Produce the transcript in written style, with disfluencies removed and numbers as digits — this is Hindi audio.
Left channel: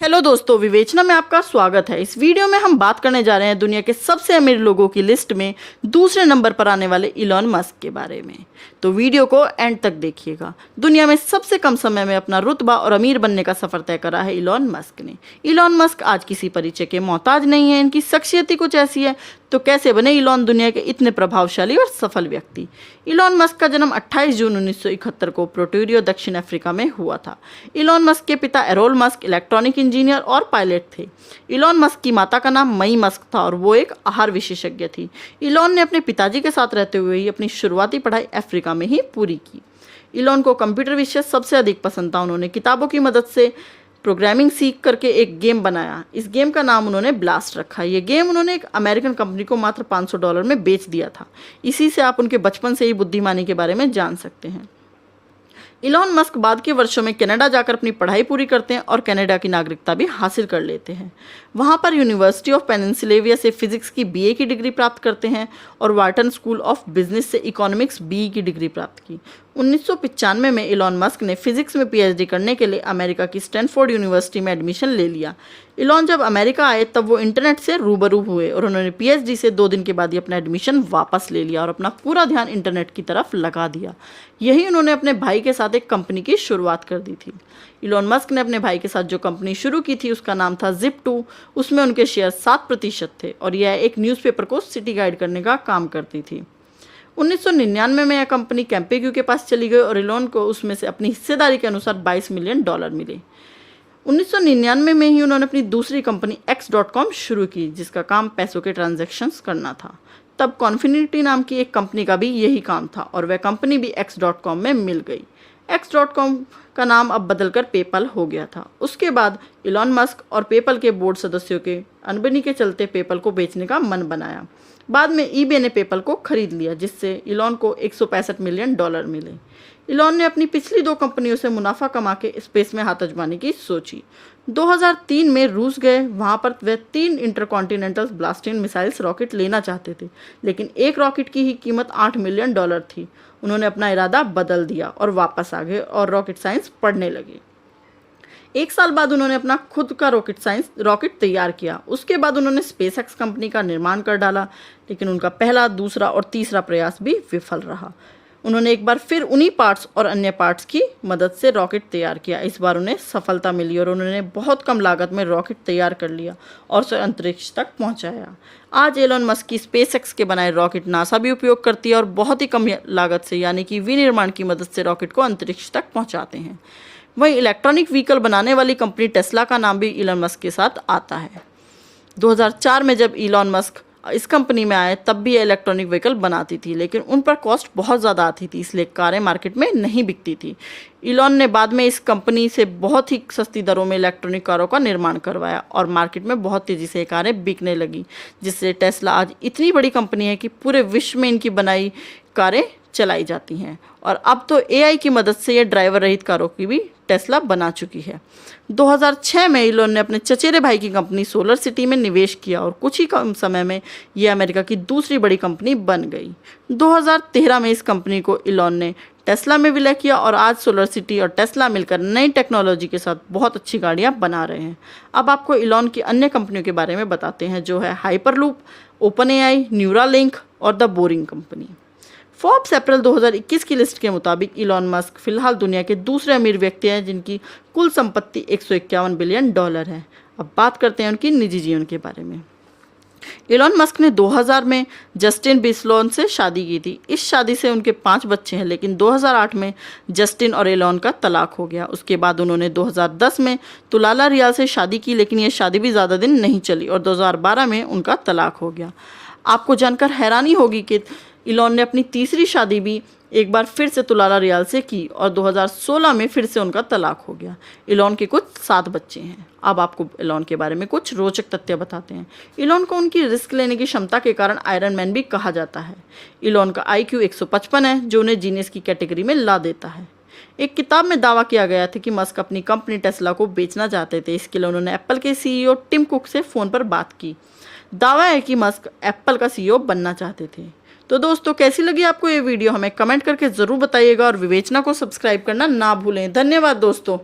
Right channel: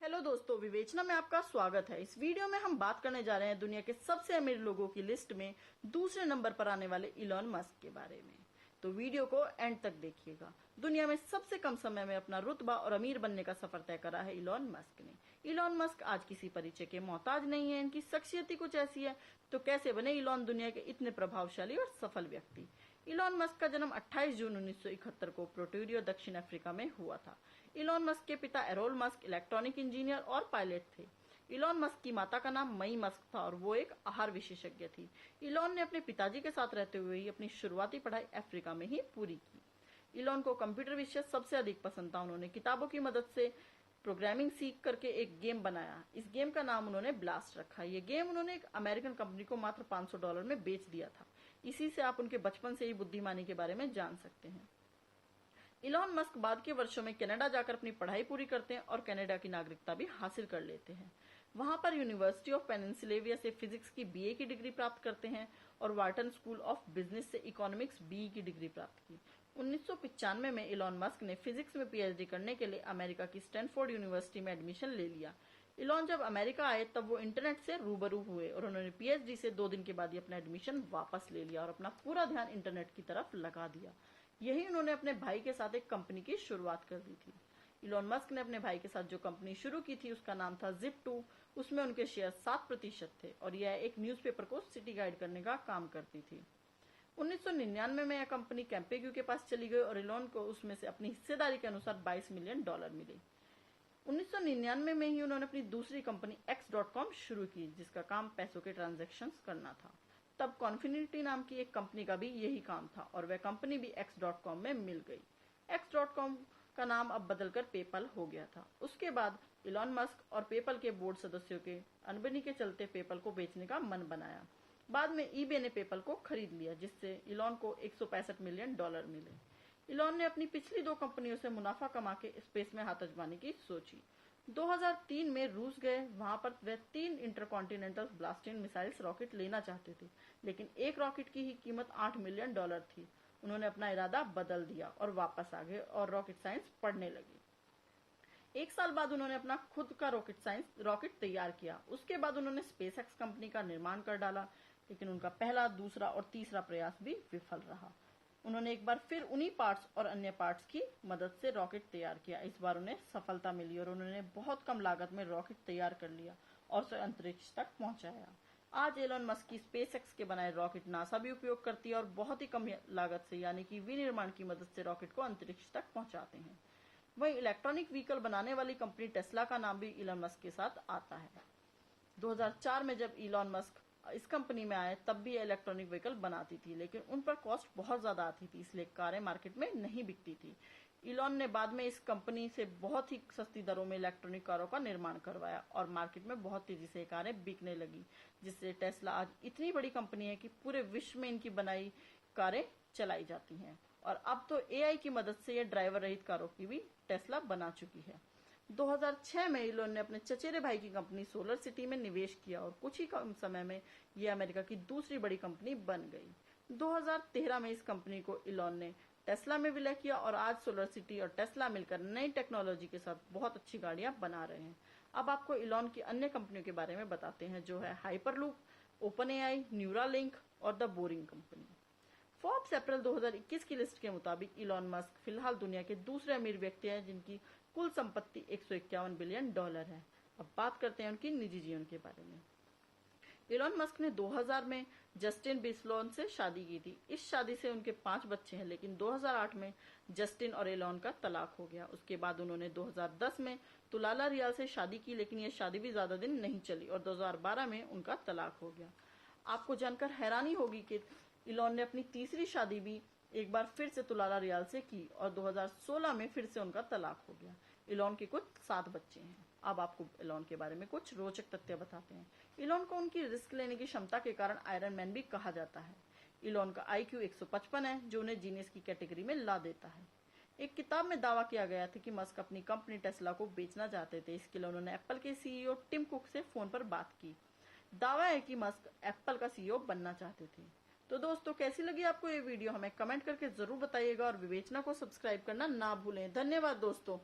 हेलो दोस्तों, विवेचना में आपका स्वागत है। इस वीडियो में हम बात करने जा रहे हैं दुनिया के सबसे अमीर लोगों की लिस्ट में दूसरे नंबर पर आने वाले इलॉन मस्क के बारे में। तो वीडियो को एंड तक देखिएगा। दुनिया में सबसे कम समय में अपना रुतबा और अमीर बनने का सफर तय करा है इलॉन मस्क ने। इलॉन मस्क आज किसी परिचय के मोहताज नहीं है। इनकी शख्सियत ही कुछ ऐसी है। तो कैसे बने इलॉन दुनिया के इतने प्रभावशाली और सफल व्यक्ति। इलॉन मस्क का जन्म 28 जून 1971 को प्रोटोरियो, दक्षिण अफ्रीका में हुआ था। इलॉन मस्क के पिता एरोल मस्क इलेक्ट्रॉनिक इंजीनियर और पायलट थे। इलॉन मस्क की माता का नाम मई मस्क था और वो एक आहार विशेषज्ञ थी। इलॉन ने अपने पिताजी के साथ रहते हुए ही अपनी शुरुआती पढ़ाई अफ्रीका में ही पूरी की। इलॉन को कंप्यूटर विषय सबसे अधिक पसंद था। उन्होंने किताबों की मदद से प्रोग्रामिंग सीख करके एक गेम बनाया। इस गेम का नाम उन्होंने ब्लास्ट रखा। ये गेम उन्होंने एक अमेरिकन कंपनी को मात्र $500 में बेच दिया था। इसी से आप उनके बचपन से ही बुद्धिमानी के बारे में जान सकते हैं। इलॉन मस्क बाद के वर्षों में कनाडा जाकर अपनी पढ़ाई पूरी करते हैं और कनाडा की नागरिकता भी हासिल कर लेते हैं। वहाँ पर यूनिवर्सिटी ऑफ पेनिनसिल्वेनिया से फिजिक्स की बीए की डिग्री प्राप्त करते हैं और वार्टन स्कूल ऑफ बिजनेस से इकोनॉमिक्स बीई की डिग्री प्राप्त की। 1995 में इलॉन मस्क ने फिजिक्स में पीएचडी करने के लिए अमेरिका की स्टैनफोर्ड यूनिवर्सिटी में एडमिशन ले लिया। इलॉन जब अमेरिका आए तब वो इंटरनेट से रूबरू हुए और उन्होंने पीएचडी से 2 दिन के बाद ही अपना एडमिशन वापस ले लिया और अपना पूरा ध्यान इंटरनेट की तरफ लगा दिया। यही उन्होंने अपने भाई के साथ एक कंपनी की शुरुआत कर दी थी। इलॉन मस्क ने अपने भाई के साथ जो कंपनी शुरू की थी उसका नाम था Zip2। उसमें उनके शेयर 7% थे और यह एक न्यूज़पेपर को सिटी गाइड करने का काम करती थी। 1999 में यह कंपनी कैम्पेग्यू के पास चली गई और इलॉन को उसमें से अपनी हिस्सेदारी के अनुसार $22 मिलियन मिले। 1999 में ही उन्होंने अपनी दूसरी कंपनी X.com शुरू की, जिसका काम पैसों के ट्रांजैक्शंस करना था। तब कॉन्फिनिटी नाम की एक कंपनी का भी यही काम था और वह कंपनी भी X.com में मिल गई। X.com का नाम अब बदलकर पेपल हो गया था। उसके बाद इलॉन मस्क और पेपल के बोर्ड सदस्यों के अनबनी के चलते पेपल को बेचने का मन बनाया। बाद में ईबे ने पेपल को खरीद लिया, जिससे इलॉन को $165 मिलियन मिले। इलॉन ने अपनी पिछली 2 कंपनियों से मुनाफा कमा के स्पेस में हाथ आजमाने की सोची। 2003 में रूस गए। वहां पर वह 3 इंटरकॉन्टिनेंटल ब्लास्टिंग मिसाइल्स रॉकेट लेना चाहते थे, लेकिन एक रॉकेट की ही कीमत $8 मिलियन थी। उन्होंने अपना इरादा बदल दिया और वापस आ गए और रॉकेट साइंस पढ़ने लगे। 1 साल बाद उन्होंने अपना खुद का रॉकेट तैयार किया। उसके बाद उन्होंने स्पेसएक्स कंपनी का निर्माण कर डाला, लेकिन उनका पहला, दूसरा और तीसरा प्रयास भी विफल रहा। उन्होंने एक बार फिर उन्हीं पार्ट्स और अन्य पार्ट्स की मदद से रॉकेट तैयार किया। इस बार उन्हें सफलता मिली और उन्होंने बहुत कम लागत में रॉकेट तैयार कर लिया और उसे अंतरिक्ष तक पहुंचाया। आज एलोन मस्क की स्पेसएक्स के बनाए रॉकेट नासा भी उपयोग करती है और बहुत ही कम लागत से, यानी कि विनिर्माण की मदद से रॉकेट को अंतरिक्ष तक पहुँचाते हैं। वहीं इलेक्ट्रॉनिक व्हीकल बनाने वाली कंपनी टेस्ला का नाम भी इलॉन मस्क के साथ आता है। 2004 में जब इलॉन मस्क इस कंपनी में आए तब भी इलेक्ट्रॉनिक व्हीकल बनाती थी, लेकिन उन पर कॉस्ट बहुत ज़्यादा आती थी, इसलिए कारें मार्केट में नहीं बिकती थी। इलॉन ने बाद में इस कंपनी से बहुत ही सस्ती दरों में इलेक्ट्रॉनिक कारों का निर्माण करवाया और मार्केट में बहुत तेज़ी से कारें बिकने लगी, जिससे टेस्ला आज इतनी बड़ी कंपनी है कि पूरे विश्व में इनकी बनाई कारें चलाई जाती हैं। और अब तो एआई की मदद से ये ड्राइवर रहित कारों की भी टेस्ला बना चुकी है। 2006 में इलॉन ने अपने चचेरे भाई की कंपनी सोलर सिटी में निवेश किया और कुछ ही कम समय में ये अमेरिका की दूसरी बड़ी कंपनी बन गई। 2013 में इस कंपनी को इलॉन ने टेस्ला में विलय किया और आज सोलर सिटी और टेस्ला मिलकर नई टेक्नोलॉजी के साथ बहुत अच्छी गाड़ियां बना रहे हैं। अब आपको इलॉन की अन्य कंपनियों के बारे में बताते हैं, जो है हाइपरलूप, ओपन एआई, न्यूरालिंक और द बोरिंग कंपनी। फोर्ब्स अप्रैल 2021 की लिस्ट के मुताबिक इलॉन मस्क फिलहाल दुनिया के दूसरे अमीर व्यक्ति हैं जिनकी कुल संपत्ति $151 बिलियन है। अब बात करते हैं उनकी निजी जीवन के बारे में। इलॉन मस्क ने 2000 में जस्टिन बिस्लोन से शादी की थी। इस शादी से उनके 5 बच्चे हैं, लेकिन 2008 में जस्टिन और इलॉन का तलाक हो गया। उसके बाद उन्होंने 2010 में तुलाला रियाल से शादी की, लेकिन ये शादी भी ज़्यादा दिन नहीं चली और 2012 में उनका तलाक हो गया। आपको जानकर हैरानी होगी कि इलॉन ने अपनी तीसरी शादी भी एक बार फिर से तुलाला रियाल से की और 2016 में फिर से उनका तलाक हो गया। इलॉन के कुछ 7 बच्चे हैं। अब आपको इलॉन के बारे में कुछ रोचक तथ्य बताते हैं। इलॉन को उनकी रिस्क लेने की क्षमता के कारण आयरन मैन भी कहा जाता है। इलॉन का IQ 155 है, जो उन्हें जीनियस की कैटेगरी में ला देता है। एक किताब में दावा किया गया था कि मस्क अपनी कंपनी टेस्ला को बेचना चाहते थे। इसके लिए उन्होंने एप्पल के CEO टिम कुक से फ़ोन पर बात की। दावा है कि मस्क एप्पल का CEO बनना चाहते थे। तो दोस्तों, कैसी लगी आपको ये वीडियो हमें कमेंट करके ज़रूर बताइएगा और विवेचना को सब्सक्राइब करना ना भूलें। धन्यवाद दोस्तों।